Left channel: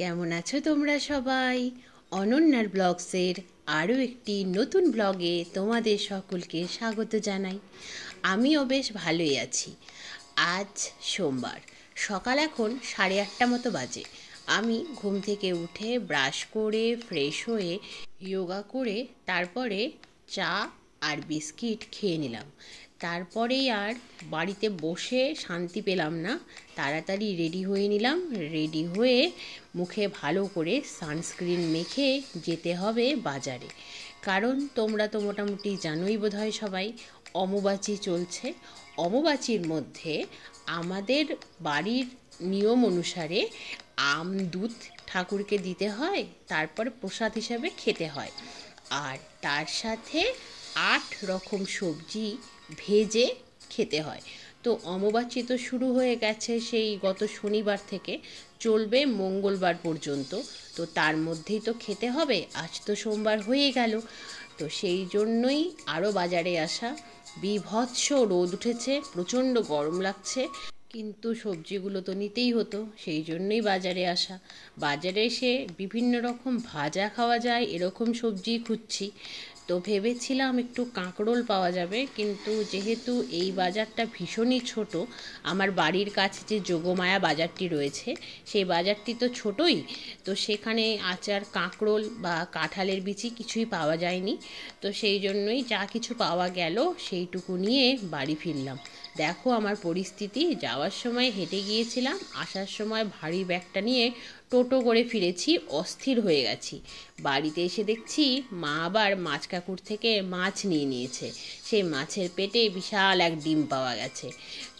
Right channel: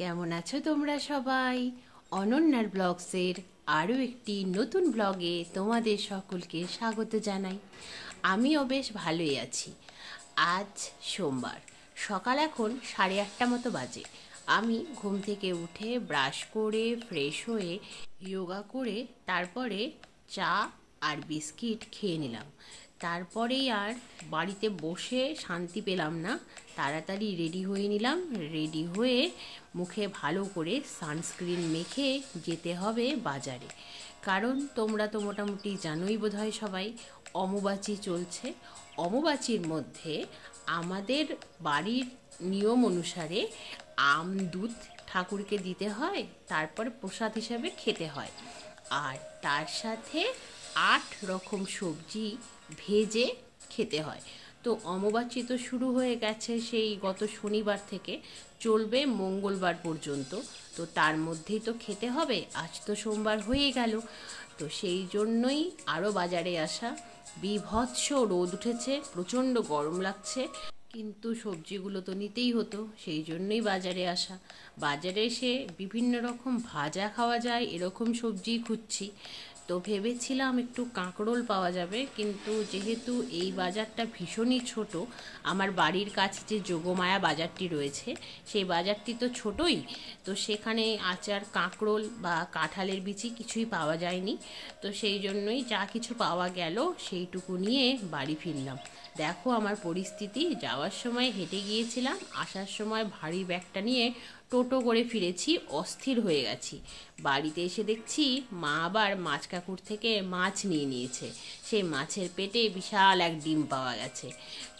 কেমন আছো তোমরা সবাই? অনন্যার ব্লগসের আরও একটি নতুন ব্লগে তোমাদের সকলকে স্বাগত জানাই। আমিও বেশ ভালোই আছি। আজ সোমবার, সকাল এখন 8:30 মতো বাজে। আমি ঘুম থেকে উঠে ব্রাশ করে ফ্রেশ হয়ে যোগা করে তারপরে চা আর বিস্কিট খেয়ে নিলাম। তারপরেই আর বাড়িতে বসে শান্তি পেলাম না, তাড়াতাড়ি রেডি হয়ে নিলাম। রেডি হয়ে মুখে ভালো করে সানস্ক্রিন মেখে যেতে হবে বাজারে, কারণ তোমরা তো মোটামুটি জানোই বোধহয় সবাই, অম্বুবাচী চলছে। অম্বুবাচীর মধ্যে আমাদের বাড়ির নিয়ম অনুসারে আম দুধ ঠাকুরকে দিতে হয়, তারপর প্রসাদ হিসাবে খেতে হয়, আর তার সাথে 8 রকম সবজি ভেজে খেতে হয়। তো অম্বুবাচী তো শুরু হয়ে গেছে সেই গত শনিবার থেকে, চলবে মঙ্গলবার পর্যন্ত। তো তার মধ্যেই তো খেতে হবে, আজ তো সোমবার হয়ে গেল। তো সেই জন্যই আরও বাজারে আসা। বীভৎস রোদ উঠেছে, প্রচণ্ড গরম লাগছে, কিন্তু সবজিগুলো তো নিতেই হতো, সেই জন্যই বাজারে আসা। বাজারে এসে বিভিন্ন রকম ভাজা খাওয়া যায় এরকম সবজি খুঁজছি। তো ভেবেছিলাম একটু কাঁকরোল পাওয়া যাবে, কিন্তু যেহেতু এই বাজারটা ভীষণই ছোট, আমার বাড়ির কাছে যে যোগমায়া বাজারটি রয়েছে সেই বাজারটি তো ছোটই, তো সেখানে আচার কাঁকরোল বা কাঁঠালের বিচি কিছুই পাওয়া যায়নি। তো সেই জন্যই যা কিছু পাওয়া গেল সেইটুকু নিয়ে বাড়ি ফিরলাম। দেখো আমার পরিস্থিতি, যাওয়ার সময় হেঁটে গিয়েছিলাম, আসার সময় ভারী ব্যাগটা নিয়ে টোটো করে ফিরেছি, অস্থির হয়ে গেছি। বাড়িতে এসে দেখছি মা আবার মাছ কাকুর থেকে মাছ নিয়ে নিয়েছে, সেই মাছের পেটে বিশাল এক ডিম পাওয়া গেছে।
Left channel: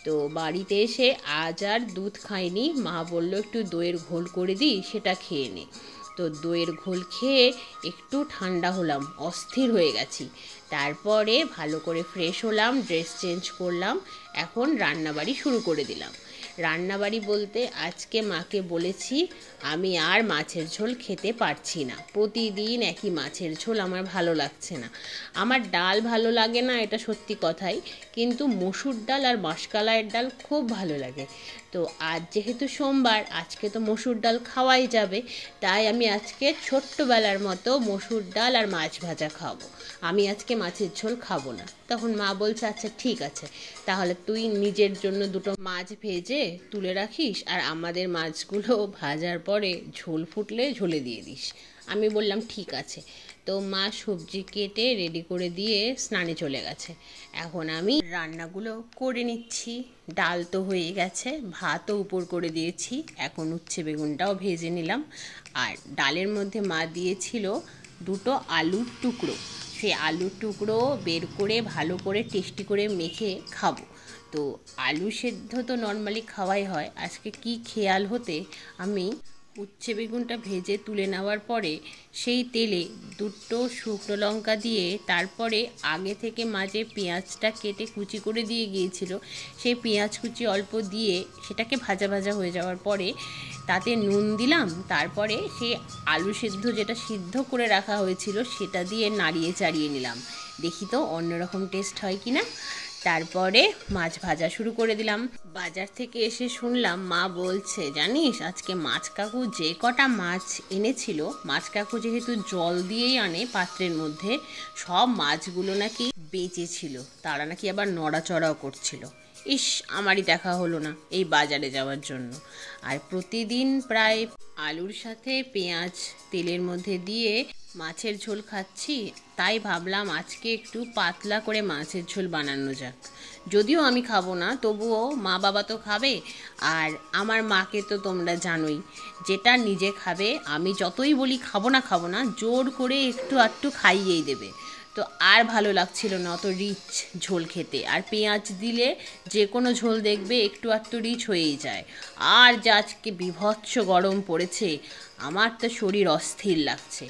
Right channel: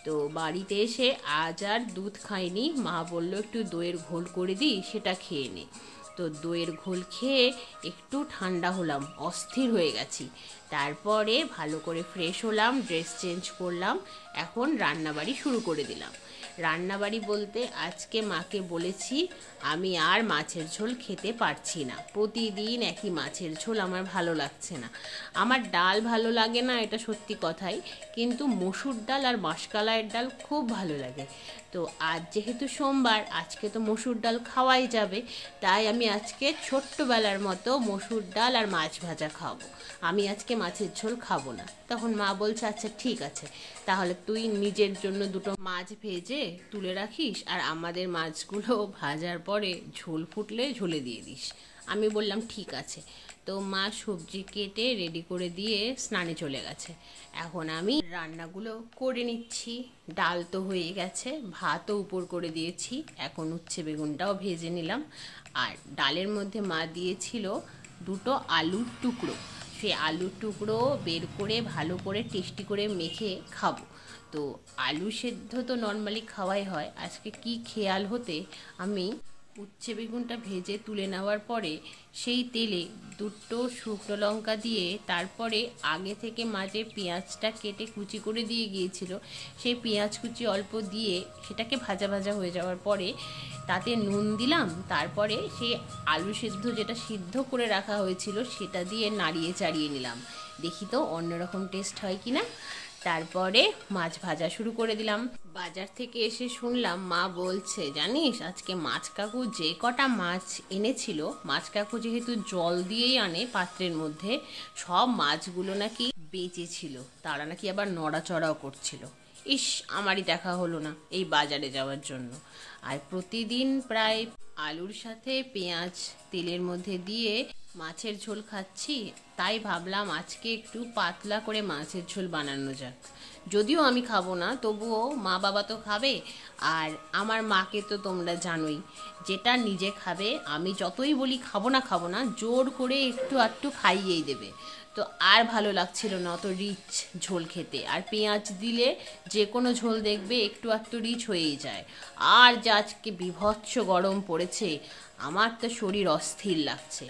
তো বাড়িতে এসে আজ আর দুধ খাইনি, মা বলল একটু দইয়ের ঘোল করে দিই, সেটা খেয়ে নে। তো দইয়ের ঘোল খেয়ে একটু ঠান্ডা হলাম, অস্থির হয়ে গেছি। তারপরে ভালো করে ফ্রেশ হলাম, ড্রেস চেঞ্জ করলাম, এখন রান্নাবাড়ি শুরু করে দিলাম। রান্নাবাড়ি বলতে আজকে মাকে বলেছি আমি আর মাছের ঝোল খেতে পারছি না, প্রতিদিন একই মাছের ঝোল আমার ভালো লাগছে না। আমার ডাল ভালো লাগে না, এটা সত্যি কথাই, কিন্তু মসুর ডাল আর মাসকলাইয়ের ডাল খুব ভালো লাগে। তো আজ যেহেতু সোমবার, আজকে তো মসুর ডাল খাওয়াই যাবে, তাই আমি আজকে ছোট্টবেলার মতো মসুর ডাল আর মাছ ভাজা খাবো, আমি আজকে মাছের ঝোল খাবো না। তখন মা বলছে আচ্ছা ঠিক আছে, তাহলে তুই নিজের জন্য দুটো মাছ ভেজে তুলে রাখিস, আর আমাদের মাছগুলো ভাজার পরে ঝোল ফুটলে ঝোলে দিয়ে দিস। আমি বললাম ঠিক আছে। তো মা সবজি কেটে রেডি করে দিয়ে স্নানে চলে গেছে। এখন আমি রান্নাগুলো করে নিচ্ছি। ডাল তো হয়ে গেছে, ভাতও উপর করে দিয়েছি, এখন উচ্ছে বেগুনটাও ভেজে নিলাম। আর ডালের মধ্যে মা দিয়েছিল দুটো আলুর টুকরো, সেই আলুর টুকরো বের করে ভালো করে টেস্টি করে মেখে খাবো। তো আলু সেদ্ধ তো নর্মালি খাওয়াই হয়, আজকে কি খেয়াল হতে আমি উচ্ছে বেগুনটা ভেজে তুলে নেওয়ার পরে সেই তেলে দুটো শুকনো লঙ্কা দিয়ে, তারপরে আগে থেকে মাঝে পেঁয়াজটা কেটে কুচি করে দিয়ে গিয়েছিল, সেই পেঁয়াজ কুচি অল্প দিয়ে সেটাকে ভাজা ভাজা হয়ে যাওয়ার পরে তাতে নুন দিলাম, তারপরে সেই আলু সেদ্ধ যেটা সিদ্ধ করে রাখা হয়েছিল সেটা দিয়ে নাড়িয়ে চাড়িয়ে নিলাম, দেখি তো অন্যরকম টেস্ট হয় কিনা। তারপরে মাছ ভাজা শুরু করে দিলাম। বাজার থেকে এসে শুনলাম মা বলছে জানিস আজকে মাছ কাকু যে কটা মাছ এনেছিল, মাছ কাকু যেহেতু জল দিয়েই আনে পাত্রের মধ্যে, সব মাছগুলো নাকি বেঁচে ছিল, তারা নাকি আবার নড়াচড়াও করছিল। ইস, আমারই দেখা হলো না এই বাজারে যাওয়ার জন্য। আর প্রতিদিন প্রায় আলুর সাথে পেঁয়াজ তেলের মধ্যে দিয়ে মাছের ঝোল খাচ্ছি, তাই ভাবলাম আজকে একটু পাতলা করে মাছের ঝোল বানানো যাক। যদিও আমি খাবো না, তবুও মা বাবা তো খাবে, আর আমার মাকে তো তোমরা জানোই, যেটা নিজে খাবে আমি যতই বলি খাবো না জোর করে একটু আধটু খাইয়েই দেবে। তো আর ভালো লাগছিল না অত রিচ ঝোল খেতে, আর পেঁয়াজ দিলে যে কোনো ঝোল দেখবে একটু আধটু রিচ হয়েই যায়। আর যা আজকে বীভৎস গরম পড়েছে, আমার তো শরীর অস্থির লাগছে।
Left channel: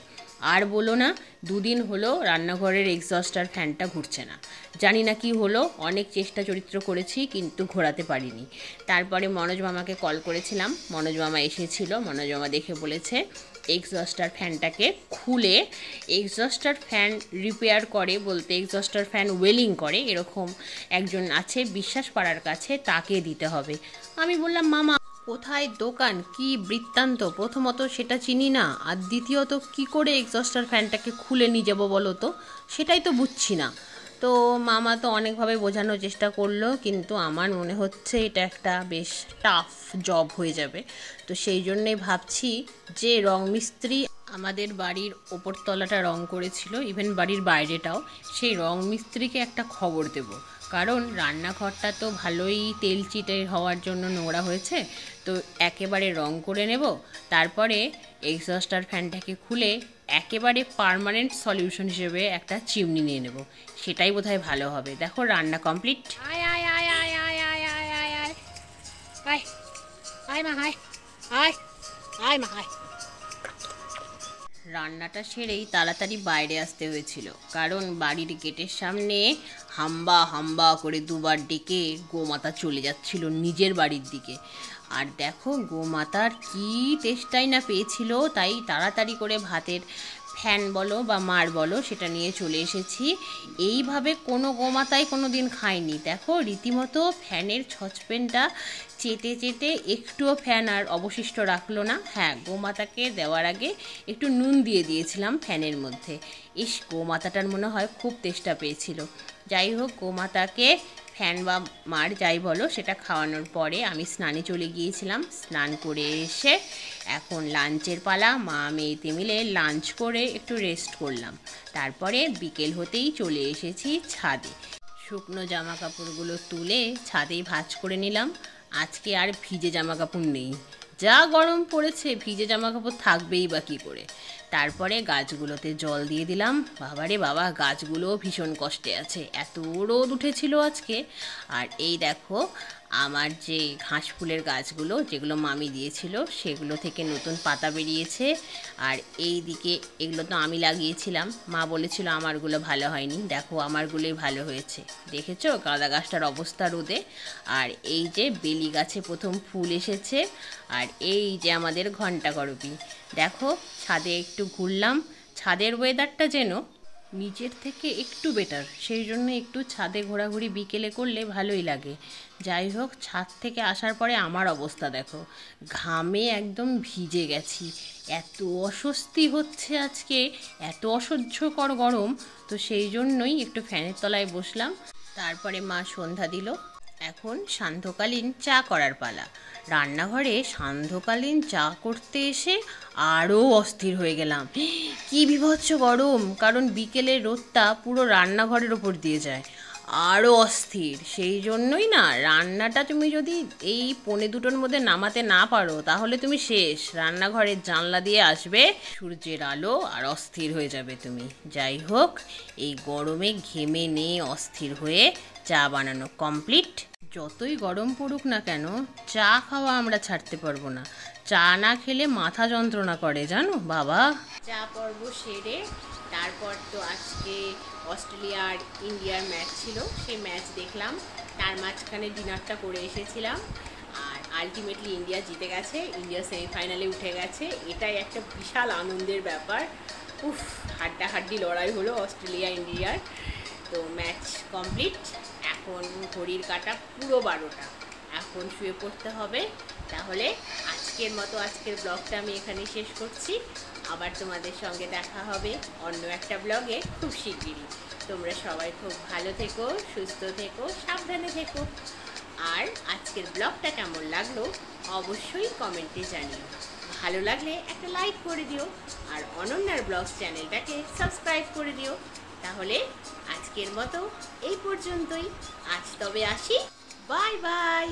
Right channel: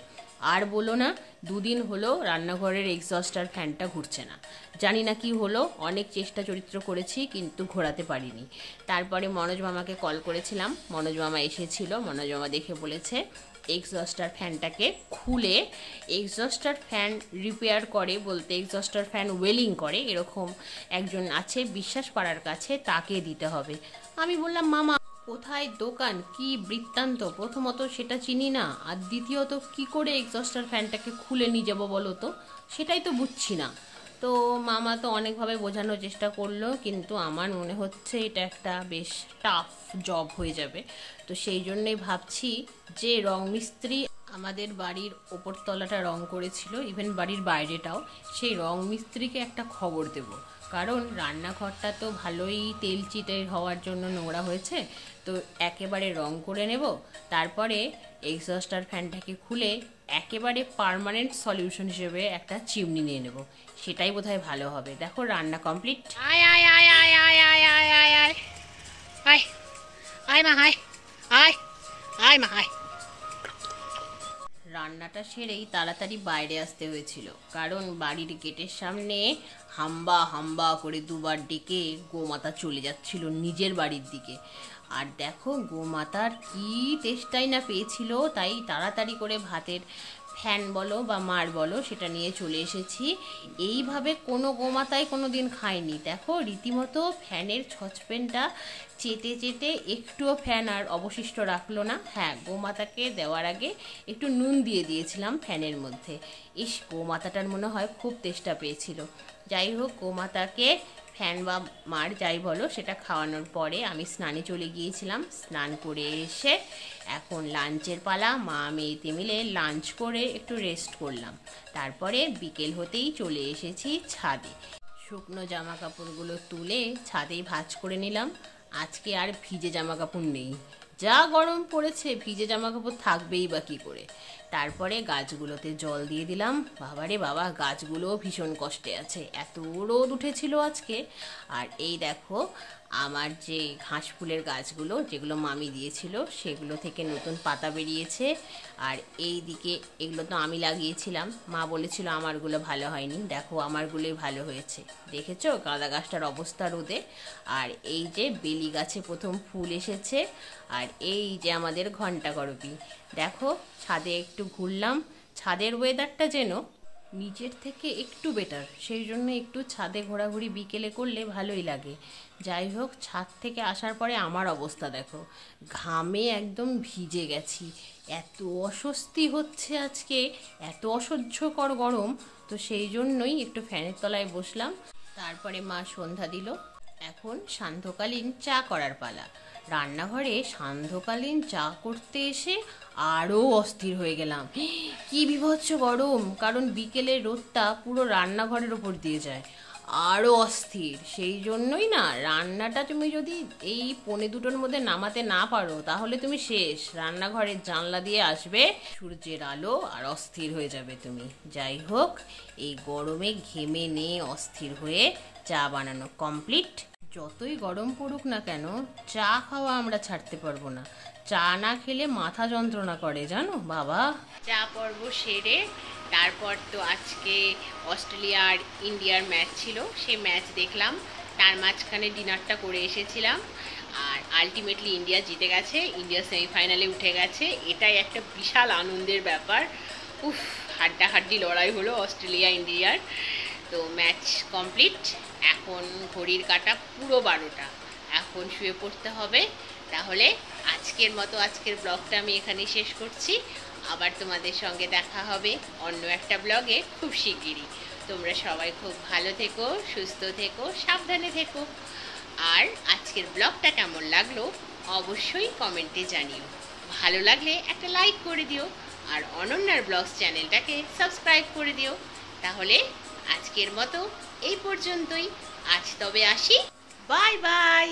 আর বলো না, 2 দিন হলো রান্নাঘরের এক্সস্টার ফ্যানটা ঘুরছে না, জানি না কি হলো, অনেক চেষ্টা চরিত্র করেছি কিন্তু ঘোরাতে পারিনি। তারপরে মনোজ মামাকে কল করেছিলাম, মনোজ মামা এসেছিল, মনোজ মামা দেখে বলেছে এক্সস্টার ফ্যানটাকে খুলে, এক্সস্টার ফ্যান রিপেয়ার করে বলতে এক্সস্টার ফ্যান ওয়েলিং করে এরকম একজন আছে বিশ্বাস পাড়ার কাছে, তাকে দিতে হবে। আমি বললাম মামা কোথায় দোকান, কি বৃত্তান্ত, প্রথমত সেটা চিনি না, আর দ্বিতীয়ত কি করে এক্সস্টার ফ্যানটাকে খুলে নিয়ে যাবো বলো তো, সেটাই তো বুঝছি না। তো মামা তো অনেকভাবে বোঝানোর চেষ্টা করলো, কিন্তু আমার মনে হচ্ছে এটা একটা বেশ টাফ জব হয়ে যাবে। তো সেই জন্যই ভাবছি যে রং মিস্ত্রি আমাদের বাড়ির ওপর তলাটা রং করেছিল, ইভেন বাড়ির বাইরেটাও, সেই রং মিস্ত্রিকে একটা খবর দেব। কারণ রান্নাঘরটা তো ভালোই তেল চিটে হওয়ার জন্য নোংরা হয়েছে, তো একেবারে রং করে নেব। তারপরে এক্সস্টার ফ্যানটাকে খুলে একেবারে পার্মানেন্ট সলিউশন হিসেবে একটা চিমনি নিয়ে নেব, সেটাই বোধহয় ভালো হবে। দেখো রান্না কমপ্লিট। আয় আয় আয় আয় আয় আয় আয় আয় আয় আয় আয় মা আয় আয় আয় মা আয়। রান্নাটা সেরেই তাড়াতাড়ি বাইরে আসতে হয়েছিল, কারণ বাড়ির গেটের সামনে হাম্বা হাম্বা করে দুবার ডেকে গোমাতা চলে যাচ্ছিল নিজের বাড়ির দিকে। আর দেখো গোমাতার কি তেষ্টাই না পেয়েছিল, তাই তাড়াতাড়ি করে ভাতের ফ্যান বলো বা মার বলো সেটা নিয়ে চলে এসেছি। এইভাবে কোনো গোমাতাই কোনো দিন খায়নি। দেখো রীতিমতো ফ্যানের ছচপেনটা চেটে চেটে একটুও ফ্যান আর অবশিষ্ট রাখলো না। হ্যাঁ, গোমাতাকে দেওয়ার আগে একটু নুন দিয়ে দিয়েছিলাম ফ্যানের মধ্যে। ইস, গোমাতাটার মনে হয় খুব তেষ্টা পেয়েছিল। যাই হোক, গোমাতাকে ফ্যান বা মার যাই বলো সেটা খাওয়ানোর পরে আমি স্নানে চলে গিয়েছিলাম। স্নান করে এসে এখন লাঞ্চের পালা। মা মেয়েতে মিলে লাঞ্চ করে একটু রেস্ট করলাম। তারপরে বিকেল হতেই চলে এসেছি ছাদে। শুকনো জামা কাপড়গুলো তুলে ছাদেই ভাঁজ করে নিলাম। আজকে আর ভিজে জামা কাপড় নেই, যা গরম পড়েছে ভিজে জামা কাপড় থাকবেই বা কী করে। তারপরে গাছগুলোতে জল দিয়ে দিলাম। বাবারে বাবা, গাছগুলোও ভীষণ কষ্টে আছে, এত রোদ উঠেছিল আজকে। আর এই দেখো আমার যে ঘাস ফুলের গাছগুলো যেগুলো মামি দিয়েছিল সেগুলো থেকে নতুন পাতা বেরিয়েছে। আর এই দিকে এগুলো তো আমি লাগিয়েছিলাম, মা বলেছিল আমারগুলো ভালো হয়নি, দেখো আমারগুলোই ভালো হয়েছে। দেখেছো গাঁদা গাছটার অবস্থা রোদে। আর এই যে বেলি গাছে প্রথম ফুল এসেছে। আর এই যে আমাদের ঘন্টা করবি। দেখো ছাদে একটু ঘুরলাম, ছাদের ওয়েদারটা যেন নিচের থেকে একটু বেটার, সেই জন্য একটু ছাদে ঘোরাঘুরি বিকেলে করলে ভালোই লাগে। যাই হোক, ছাদ থেকে আসার পরে আমার অবস্থা দেখো, ঘামে একদম ভিজে গেছি, এত অস্বস্তি হচ্ছে আজকে, এত অসহ্যকর গরম। তো সেই জন্যই একটু ফ্যানের তলায় বসলাম। তারপরে মা সন্ধ্যা দিল। এখন সান্ধ্যকালীন চা করার পালা। রান্নাঘরে সান্ধ্যকালীন চা করতে এসে আরও অস্থির হয়ে গেলাম। কি বিভৎস গরম, কারণ বিকেলের রোদটা পুরো রান্নাঘরের ওপর দিয়ে যায়, আরও অস্থির। সেই জন্যই না, রান্নাটা তুমি যদি এই 1:45-2টোর মধ্যে নামাতে না পারো তাহলে তুমি শেষ। রান্নাঘরের জানলা দিয়ে আসবে সূর্যের আলো আর অস্থির হয়ে যাবে তুমি। যাই হোক, এই গরমে ঘেমে নিয়ে অস্থির হয়ে চা বানানো কমপ্লিট। যতই গরম পড়ুক না কেন, চা খাওয়া আমরা ছাড়তে পারবো না। চা না খেলে মাথা যন্ত্রণা করে, জানো বাবা। চা পর্ব সেরে তারপর তো আজকে অস্ট্রেলিয়া আর ইন্ডিয়ার ম্যাচ ছিল, সেই ম্যাচ দেখলাম। তার মাঝখানে ডিনারটা করে এসেছিলাম। আর আলটিমেটলি ইন্ডিয়া জিতে গেছে, ইন্ডিয়া সেমিফাইনালে উঠে গেছে। এটাই একটা বিশাল আনন্দের ব্যাপার। উফ, হাড্ডাহাড্ডি লড়াই হলো অস্ট্রেলিয়া ইন্ডিয়ার। তো ম্যাচ কমপ্লিট। এখন ঘড়ির কাঁটা পুরো 12টা, এখন শুয়ে পড়তে হবে। তাহলে আজকের মতো আজকের ব্লগটা আমি এখানেই শেষ করছি। আবার তোমাদের সঙ্গে দেখা হবে অন্য একটা ব্লগে খুব শিগগিরই। তোমরা সবাই খুব ভালো থেকো, সুস্থ থেকো, সাবধানে থেকো। আর আজকের ব্লগটা কেমন লাগলো অবশ্যই কমেন্টে জানিও। ভালো লাগলে একটা লাইক করে দিও, আর অনন্যার ব্লগস চ্যানেলটাকে সাবস্ক্রাইব করে দিও। তাহলে আজকের মতো এই পর্যন্তই। আজ তবে আসি, বাই বাই।